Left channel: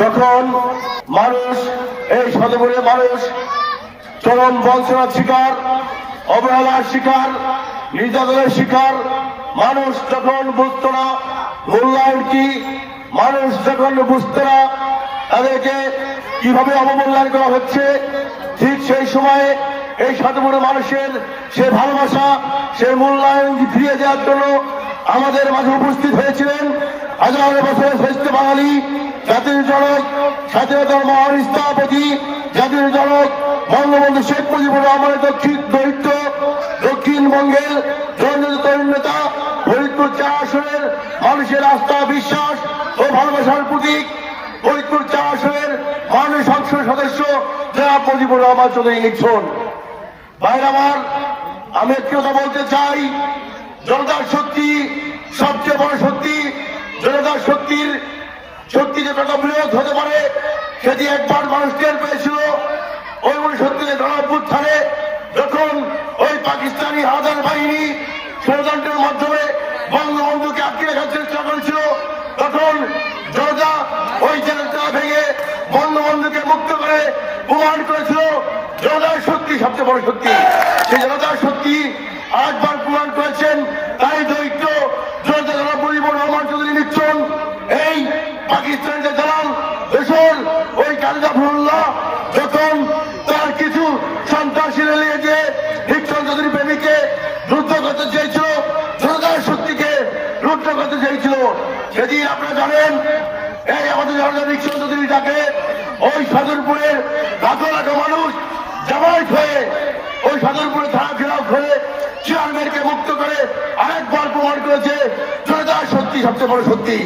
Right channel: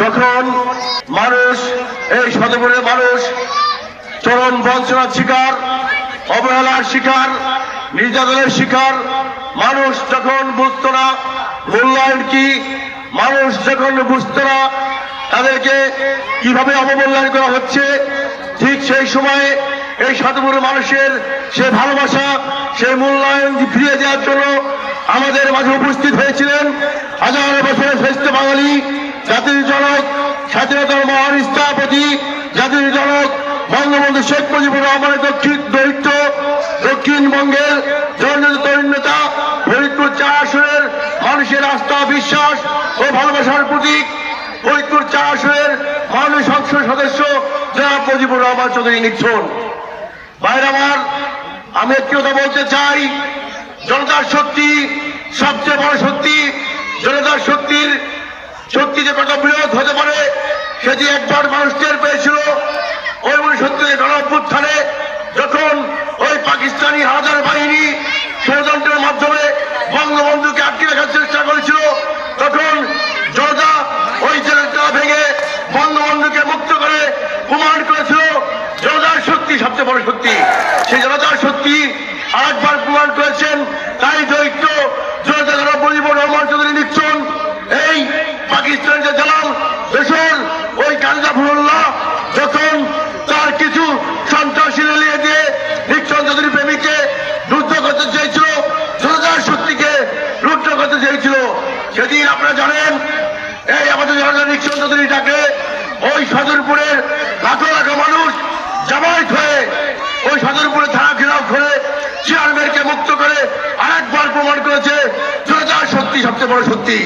যখন মানুষ, এই সদপুরের মানুষ চরম বঞ্চনার শিকার, অবহেলার শিকার, নির্যাতনের শিকার, মানুষ যখন বুঝত না মূল্যায়ন কি, মানুষ যখন বুঝত না তাদেরকে কীভাবে অবমূল্যায়ন করা হচ্ছে, ঠিক সেই সময়ে এই সদপুরের মানুষের সে ভালোবাসা সেই মূল্যায়ন ফিরিয়ে দেওয়ার জন্য আমাদের মাঝে উপস্থিত হয়েছিলেন হাজার বছরের শ্রেষ্ঠ বাঙালি জাতির জনক, স্বাধীনতার মহান স্থপতি, জাতির জনক, বঙ্গবন্ধু শেখ মুজিবুর রহমানের দক্ষিণ দরিদ্র দক্ষিণবঙ্গের জননেতা, তরুণ নেতা, ফরিদপুর চার আসনের মানুষের আস্থা, বিশ্বাস ও ভালোবাসার প্রতীক, ফরিদপুর চার আসনের মাননীয় সংসদ সদস্য জনাব মুজিবুর রহমান চৌধুরী নিচ্ছন ভাইর আমার, আমি একটি কথা বলতে চাই, জনতার শক্তি সবচেয়ে বড় শক্তি জনতার শক্তির শক্তি যে কত বৃহৎ হতে পারে, সেটি একবার মানুষ টের পেয়েছিল। ওই উনসত্তরের গণঅভ্যুত্থানে যখন ওই পাকিস্তানি হাজার বাহিনী ষড়যন্ত্রের মাধ্যমে বঙ্গবন্ধুকে আটকে রাখার চেষ্টা করেছিল, তখন জনতা ওই জনতা ভেঙে বঙ্গবন্ধুকে মুক্ত করে প্রমাণ করেছিল, জনতার শক্তি সবচেয়ে বড় শক্তি। সেই জনতার শক্তি আরেকবার প্রমাণ করেছেন তাই দৈত্য জনতা যারা মুজিবুর রহমান চৌধুরী নিচ্ছন এই পাকিস্তানের যে দালাল দেশের ওই কান্দা ফুল্লাহ যখন তার কিছু সন্ত্রাসী রেলিয়ে দিয়ে নিচ্ছন চৌধুরী প্রেমিককে রুদ্ধ করতে চেয়েছিল, জনতার শক্তিকে রুদ্ধ করতে চেয়েছিল, সেদিন আপনারা জানেন, এই আমাদের জনতা নিচ্ছন চৌধুরীটাকে ওই সদরপুরের লাখো লাখো মানুষ জামায়াত হয়ে ওই সদরপুরে থানা ঘেরাও করে চেয়ারম্যানকে মুক্ত করে আরেকবার প্রমাণ করেছে, জনতার শক্তি সবচেয়ে বড় শক্তি।